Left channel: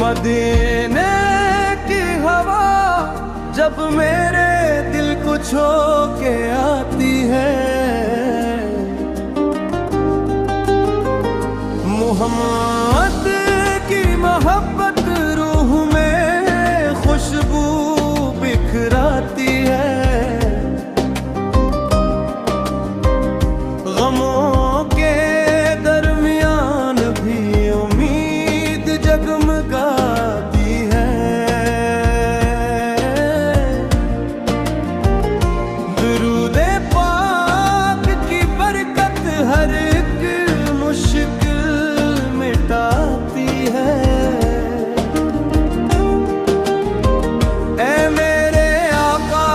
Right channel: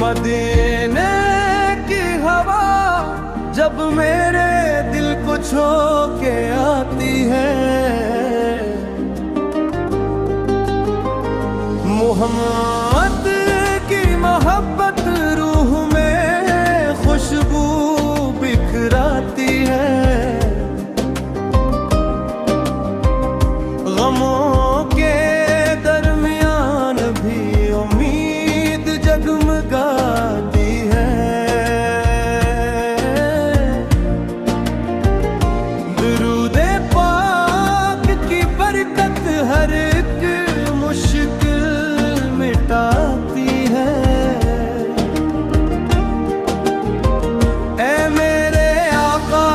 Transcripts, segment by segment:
मदीने की हवा जब मेरे दिल को छू के आती है, मोहम्मद की मोहब्बत रूह में खुशबू बिखराती है। गमों के दरमियान भी उम्मीद जगमगाती है। दुरूदे पाक की बरकत हर एक मुश्किल मिटाती है। ऐ मेरे आका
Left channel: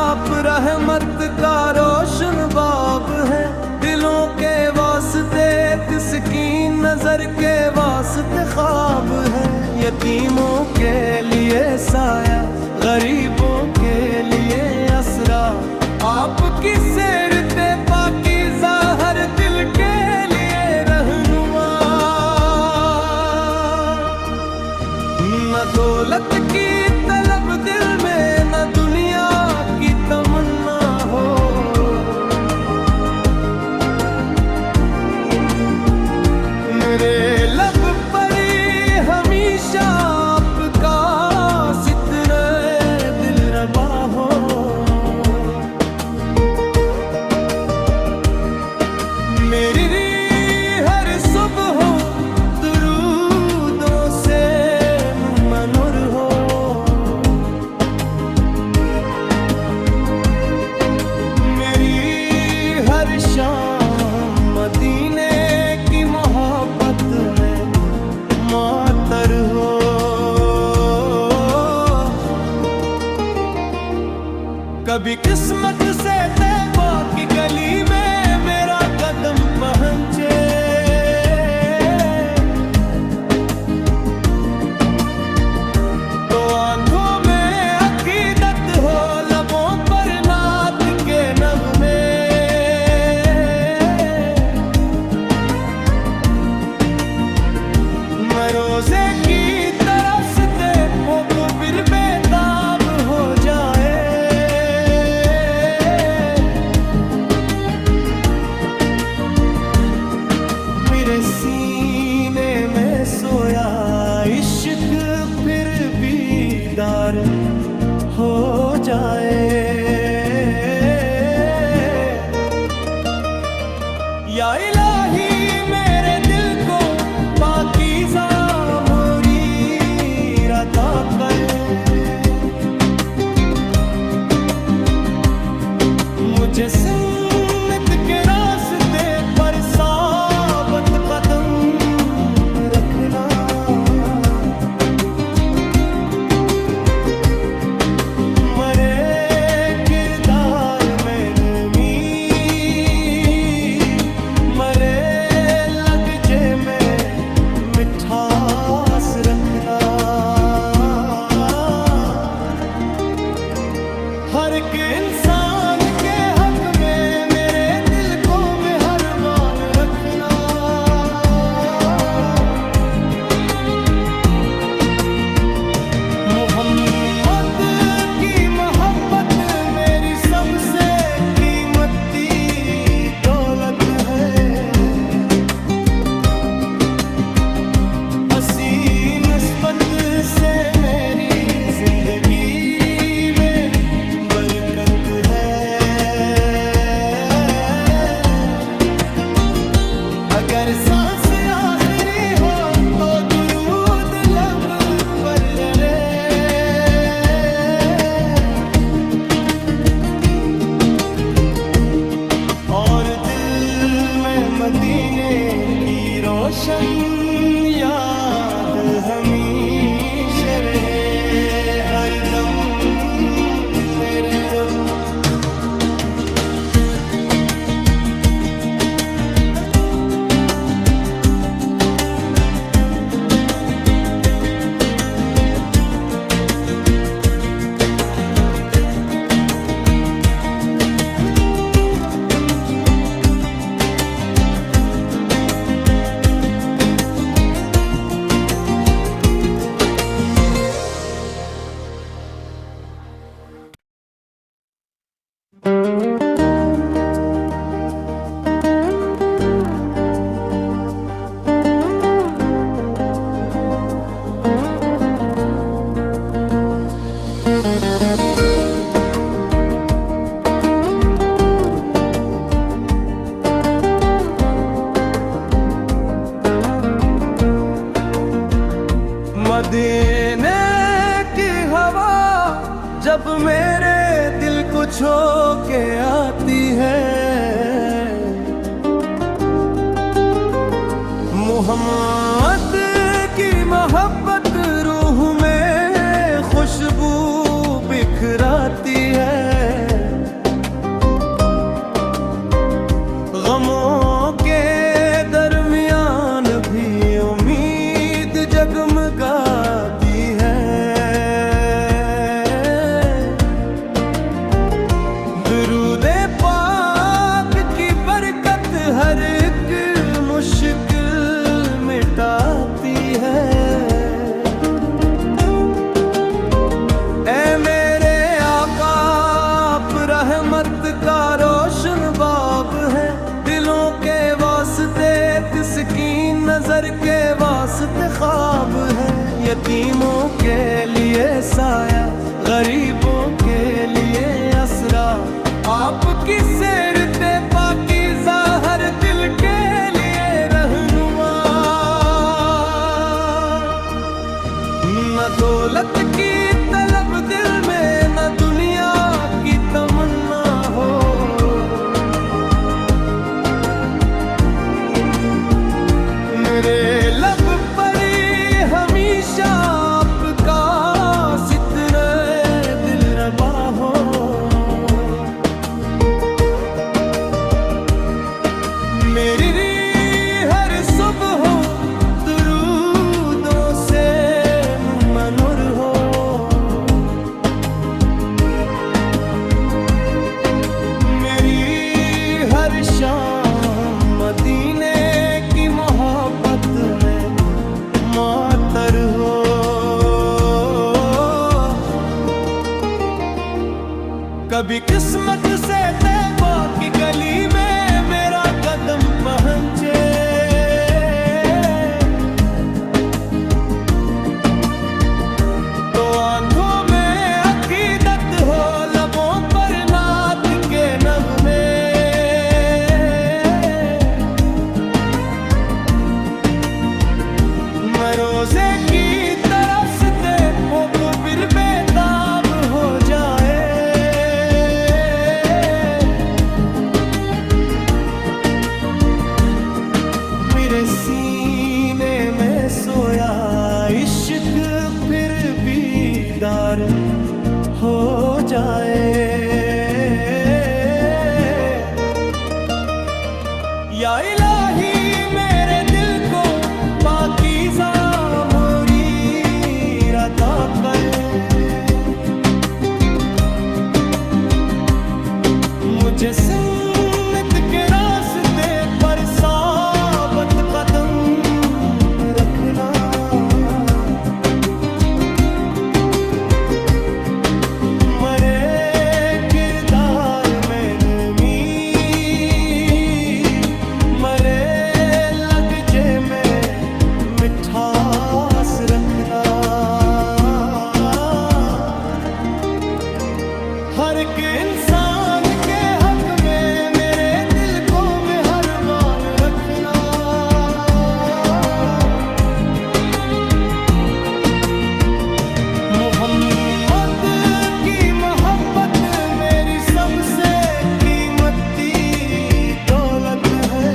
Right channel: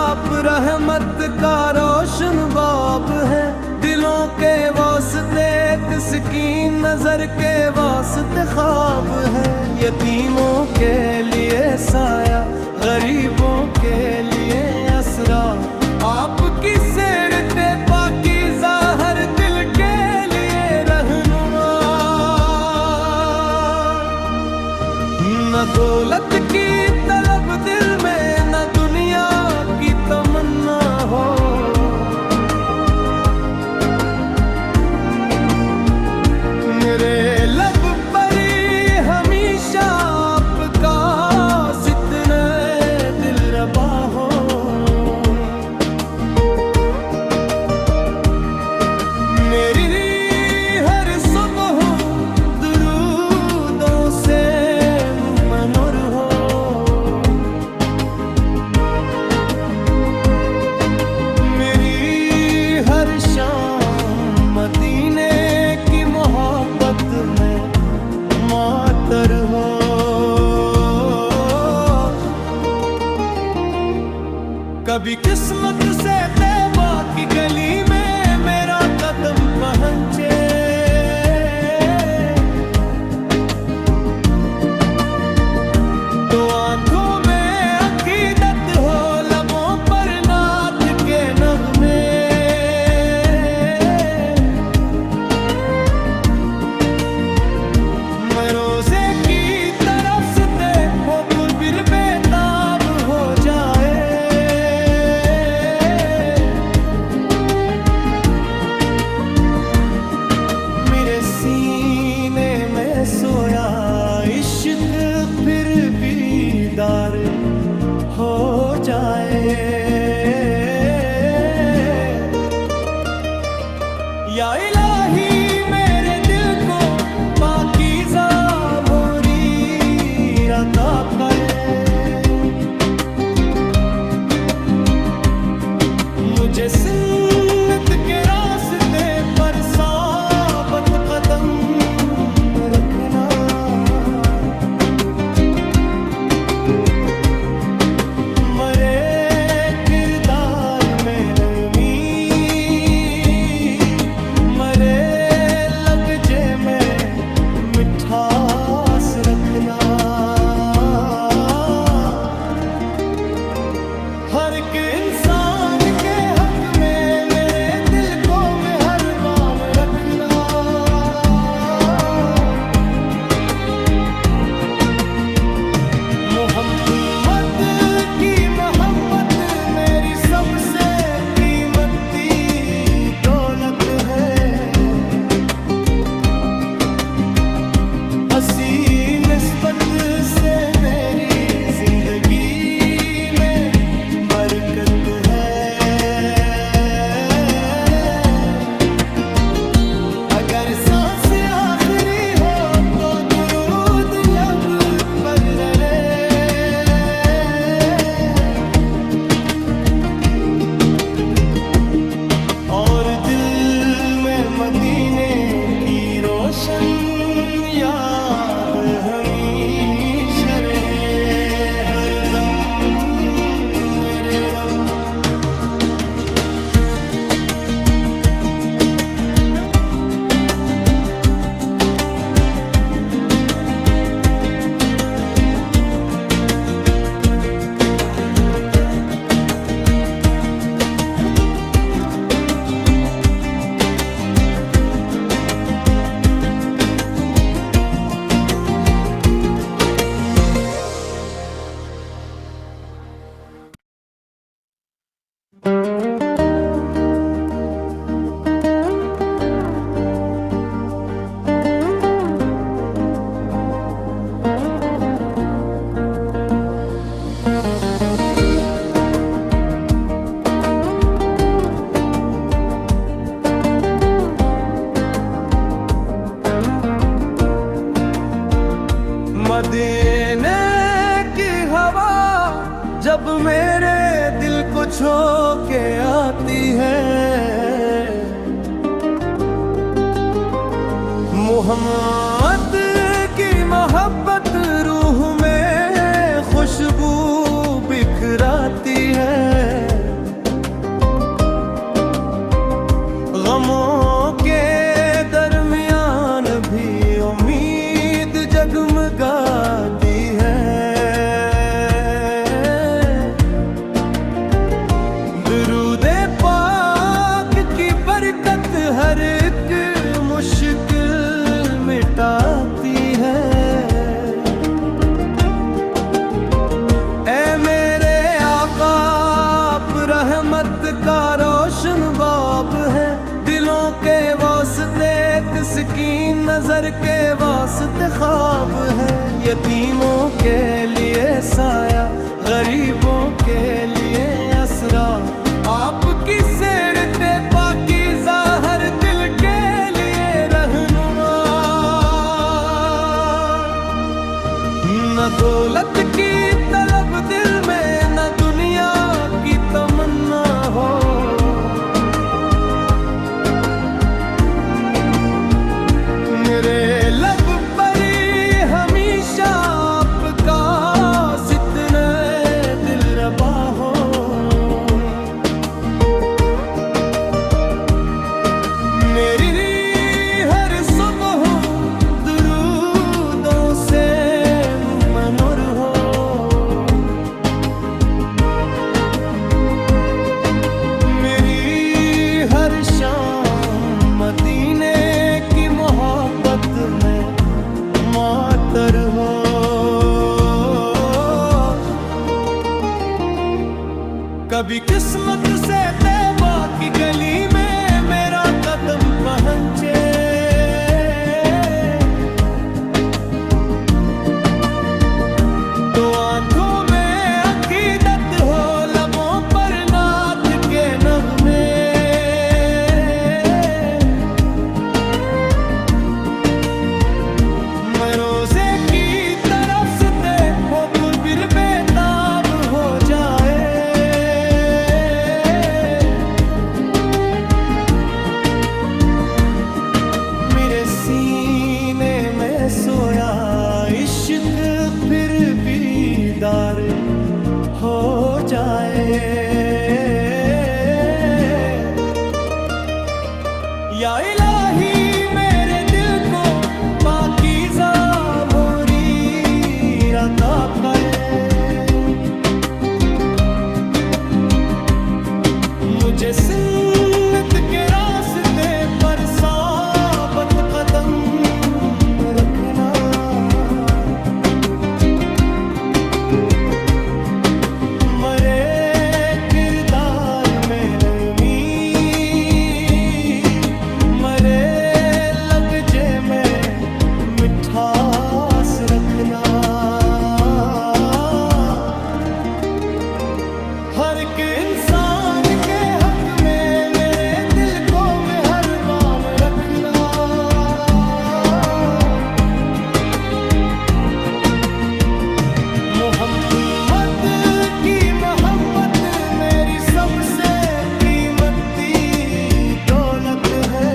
आप रहमत का रोशन बाब है, दिलों के वास्ते तस्कीन नजर के वास्ते ख्वाब है। यतीमों के लिए साया, गरीबों के लिए असरा, आपकी सेरते पाकीज़ा हर दिल के लिए रहनुमा। न दौलत की तलब दिल में, न दुनिया की तमन्ना हो। मेरे लब पर हमेशा आपका सितने दिल रबा हो। मेरी हर सुबह दुरूदों से मनूर हो। मेरी हर शाम मदीने की मोहब्बत में मातर हो। कभी किस्मत से तैबा की गली में मेरा कदम पहुंचे, तो आंखों में अकीदत हो, लबों पर नात के नगमे। मैं रोजे की तरफ से हो फिर बेताब हो जाए। मेरे सीने में सोया इश्क फिर बीदार हो जाए। या इलाही मेरे दिल को पाकीज़ा मुरीद अता करे। मुझे सुन्नत के रास्ते पर साबित कदम रखना। मरे किरदार में नमी, मरे लहजे में मिठास रखना। हर एक इंसान के हक में मेरे दिल को मेहरबान रखना। मोहम्मद की मोहब्बत मेरी सबसे कीमती दौलत है। हसी निस्बत से मेरी जिंदगी में बरकत है। अगर सांस आखिरी हो तो दुरूद लब पर रहे। और दिल में मदीने की रोशन याद हमेशा रहे हरदम मेरे रब। कुछ होके आती है। मोहम्मद की मोहब्बत रूह में खुशबू बिखराती है। गमों के दरमियान भी उम्मीद जगमगाती है। दुरूदे पाक की बरकत हर एक मुश्किल मिटाती है। ऐ मेरे आका आप रहमत का रोशन बाब है। दिलों के वास्ते तस्कीन, नजर के वास्ते ख्वाब है। यतीमों के लिए साया, गरीबों के लिए असरा। आपकी सेरते पाकीज़ा हर दिल के लिए रहनुमा। न दौलत की तलब दिल में, न दुनिया की तमन्ना हो। मेरे लब पर हमेशा आपका सितने दिलरबा हो। मेरी हर सुबह दुरूदों से मनूर हो। मेरी हर शाम मदीने की मोहब्बत में मातर हो। कभी किस्मत से तैबा की गली में मेरा कदम पहुंचे। तो आंखों में अकीदत हो, लबों पर नात के नगमे। मैं रोजे की तरफ से हो फिर बेताब हो जाए। मेरे सीने में सोया इश्क फिर बीदार हो जाए। या इलाही मेरे दिल को पाकीज़ा मुरीद अता करे। मुझे सुन्नत के रास्ते पर साबत कदम रखना। मरे किरदार में नमी, मरे लहजे में मिठास रखना। हर एक इंसान के हक में मेरे दिल को मेहरबान रखना। मोहम्मद की मोहब्बत मेरी सबसे कीमती दौलत है।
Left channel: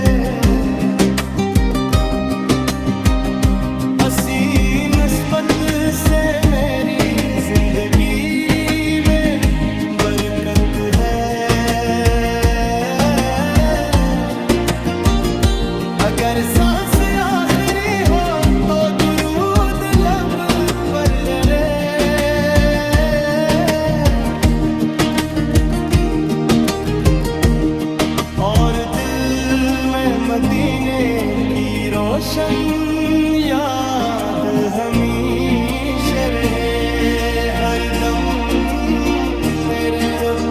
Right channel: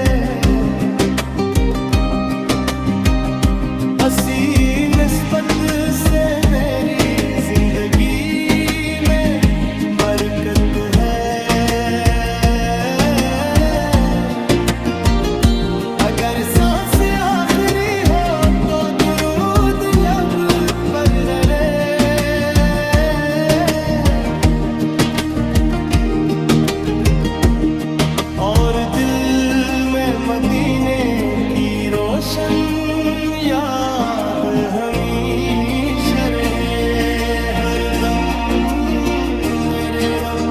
हसी निस्बत से मेरी जिंदगी में बरकत है। अगर सांस आखिरी हो तो दुरूद लब पर रहे। और दिल में मदीने की रोशन याद हमेशा रहे हरदम मेरे रब।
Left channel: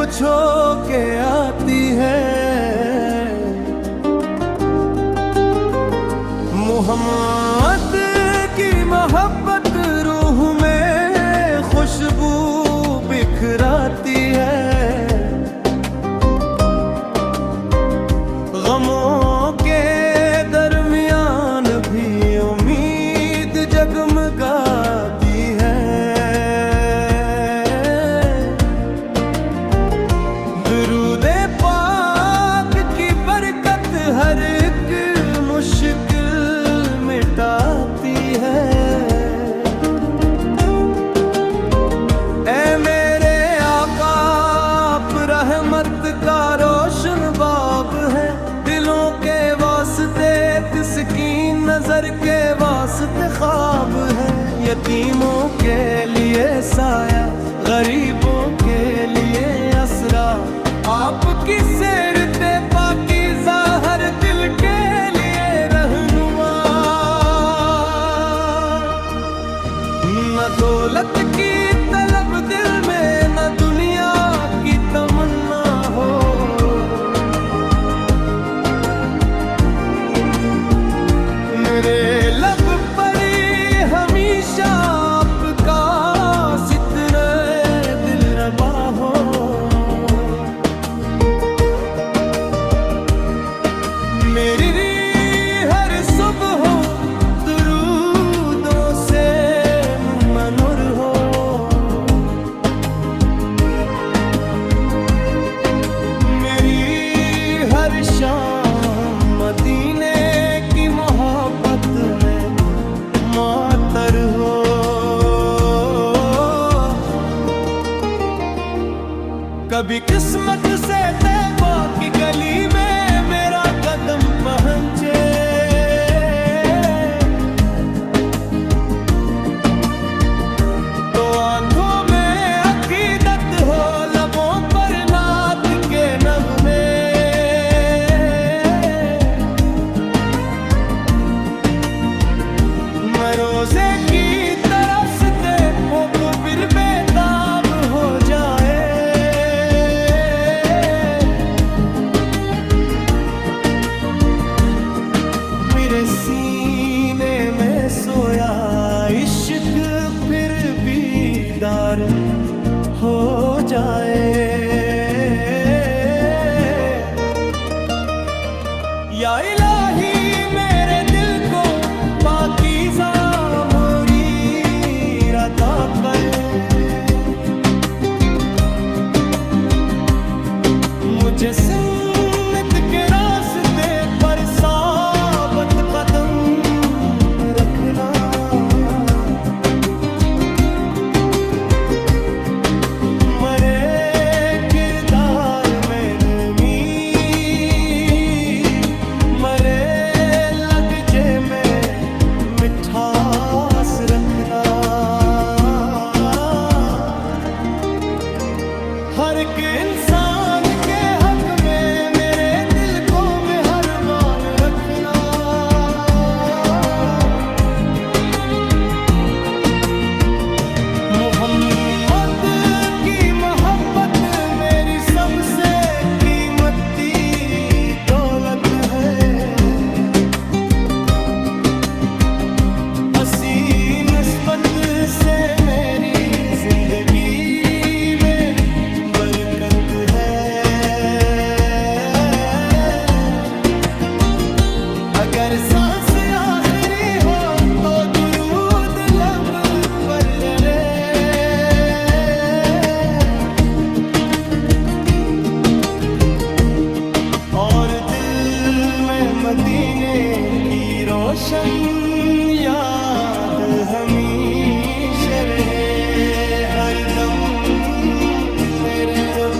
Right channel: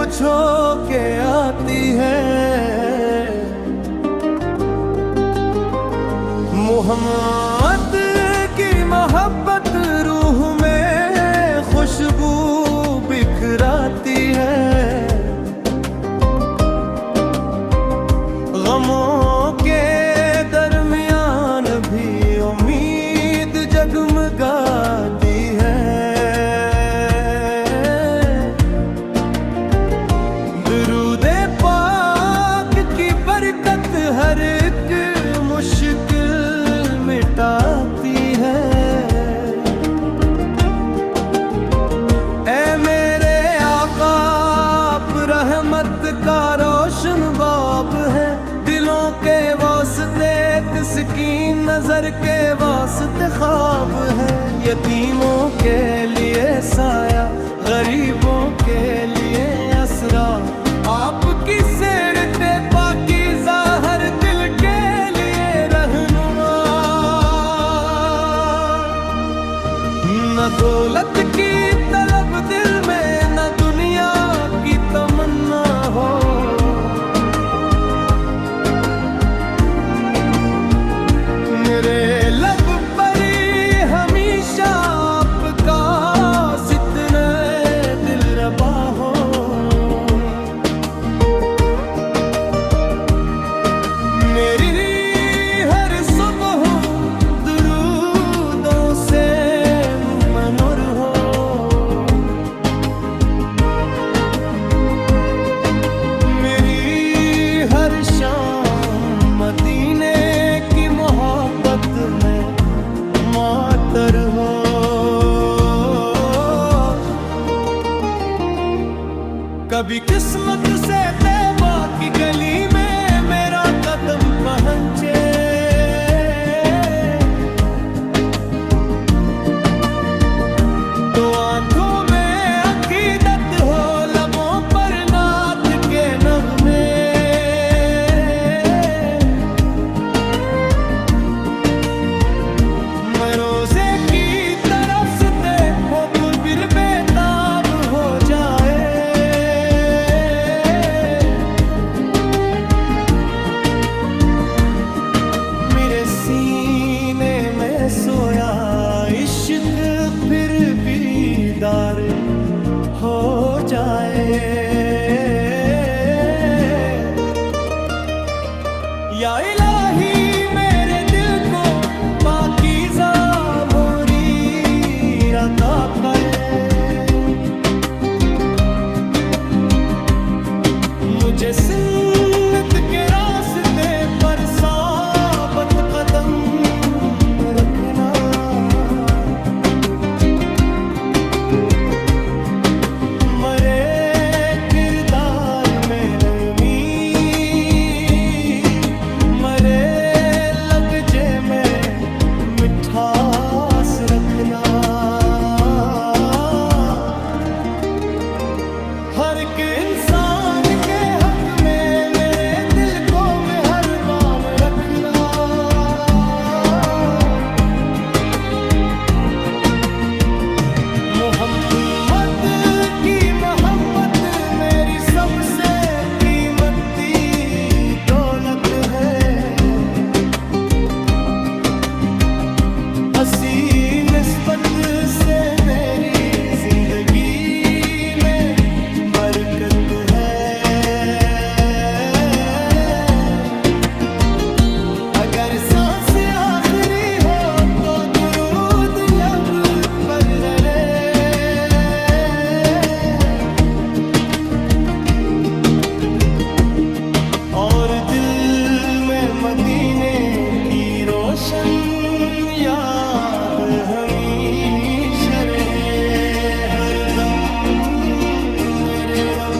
कुछ हो के आती है। मोहम्मद की मोहब्बत रूह में खुशबू बिखराती है। गमों के दरमियान भी उम्मीद जगमगाती है। दुरूदे पाक की बरकत हर एक मुश्किल मिटाती है। ऐ मेरे आका आप रहमत का रोशन बाब है। दिलों के वास्ते तस्कीन, नजर के वास्ते ख्वाब है। यतीमों के लिए साया, गरीबों के लिए असरा। आपकी सेरते पाकीज़ा हर दिल के लिए रहनुमा। न दौलत की तलब दिल में, न दुनिया की तमन्ना हो। मेरे लब पर हमेशा आपका सितने दिल रबा हो। मेरी हर सुबह दुरूदों से मनूर हो। मेरी हर शाम मदीने की मोहब्बत में मातर हो। कभी किस्मत से तैबा की गली में मेरा कदम पहुंचे। तो आंखों में अकीदत हो, लबों पर नात के नगमे। रोजे की तरफ से हो फिर बेताब हो जाए। मेरे सीने में सोया इश्क फिर बीदार हो जाए। या इलाही मेरे दिल को पाकीज़ा मुरीद अता करे। मुझे सुन्नत के रास्ते पर साबित कदम रखना। मरे किरदार में नमी, मरे लहजे में मिठास रखना। हर एक इंसान के हक में मेरे दिल को मेहरबान रखना। मोहम्मद की मोहब्बत मेरी सबसे कीमती दौलत है। हसी निस्बत से मेरी जिंदगी में बरकत है। अगर सांस आखिरी हो तो दुरूद लब पर रहे। और दिल में मदीने की रोशन याद हमेशा रहे हर दम मेरे रब।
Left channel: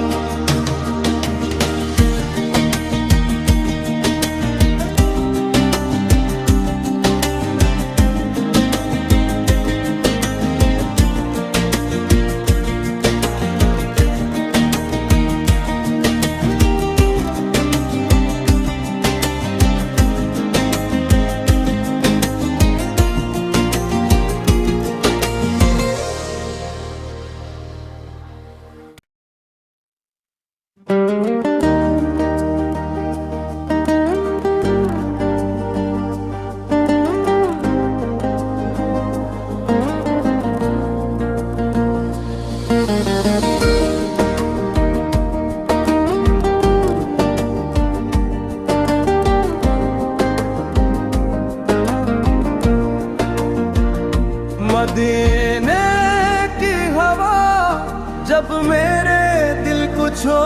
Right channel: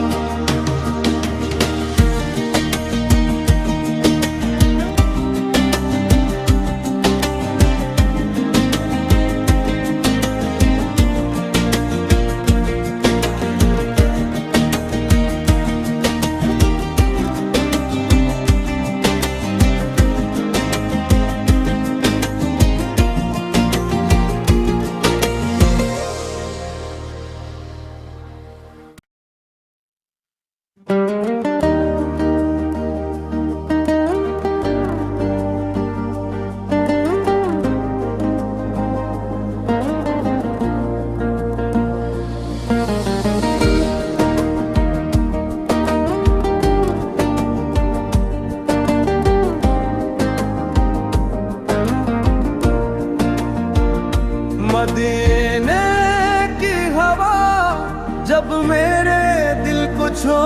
जब मेरे दिल को छू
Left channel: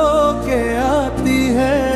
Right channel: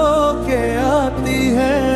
के आती है